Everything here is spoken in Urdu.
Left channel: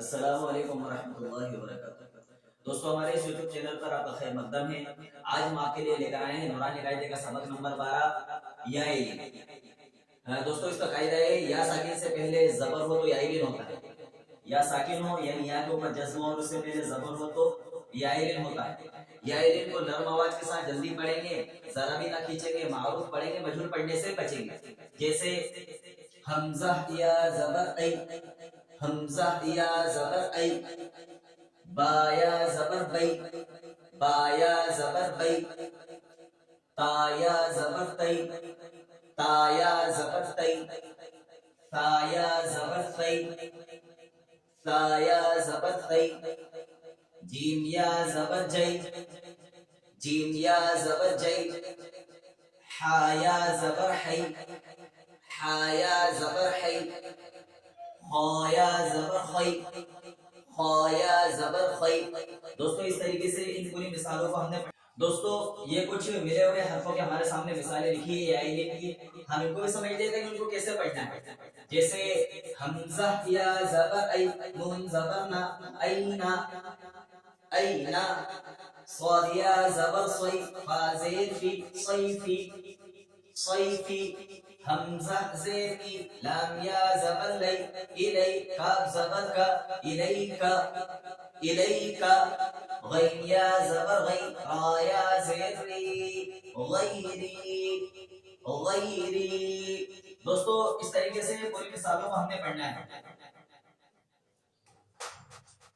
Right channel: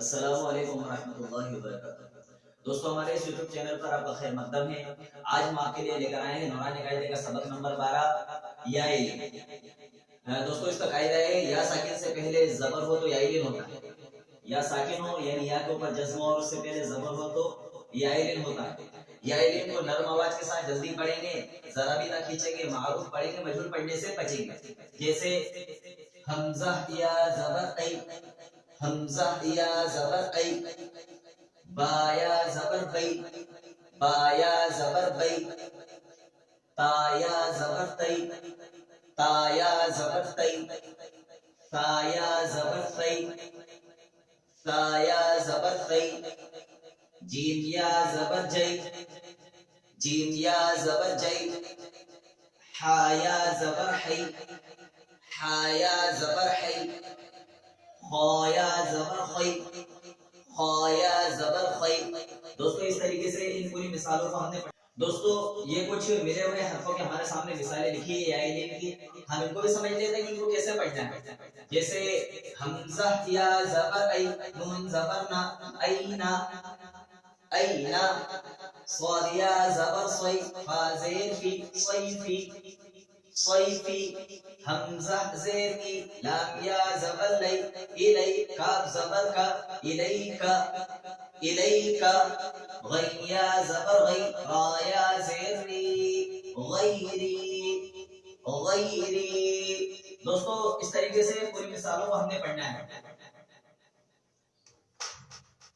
السلام علیکم ورحمۃ اللہ وبرکاتہ۔ دوستو ہمارے اس یوٹیوب چینل پر آپ کا خیر مقدم ہے۔ آج ہم آپ کے لیے لے کر آئے ہیں نورانی قاعدے کا سبق نمبر 12 یا ایلین۔ دوستو اس کا قاعدہ ہے یا ساکن سے پہلے زبر ہو تو یا ایلین ہوتا ہے، یا ساکن ہو یعنی یا کے اوپر جزم ہو اور اس سے پہلے زبر ہو تو یا ایلین ہوتا ہے۔ یا ایلین کو نرم آواز کے ساتھ جلدی پڑھیں گے، ذرا بھی نہ کھینچیں گے، معروف پڑھیں گے، مجہول پڑھنے سے بچیں گے۔ جیسے حمزہ یا زبر ای، حمزہ یا زبر ای، با یا زبر بی، با یا زبر بی، تا یا زبر تی، تا یا زبر تی، ثا یا زبر ثی، ثا یا زبر ثی، جیم یا زبر جی، جیم یا زبر جی، حا یا زبر حی، حا یا زبر حی، خا یا زبر خی، خا یا زبر خی۔ دوستو اس طریقے سے ان پوری مثالوں کو ہم نے دوستو یہ کچھ ملے ہوئے حرفوں کے ہمارے سامنے مثالیں لکھی ہے یا ایلین کی، ہم ان کو بھی سمجھ لیتے ہیں کہ ان کو کیسے پڑھنا ہے۔ جیسے حمزہ یا زبر ای، نون زبر نا، اینا، اینا، صاد یا زبر صی، فا زیر فی، صیفی، صیفی، حمزہ زیر ای، لام یا زبر لی، الی، کاف زبر کا، الیکا، الیکا، غین یا زبر غی، را یا زیر ری، غیری، غیری۔ دوستو اس طریقے سے پوری مثالوں کو ہم نے پڑھنا ہے۔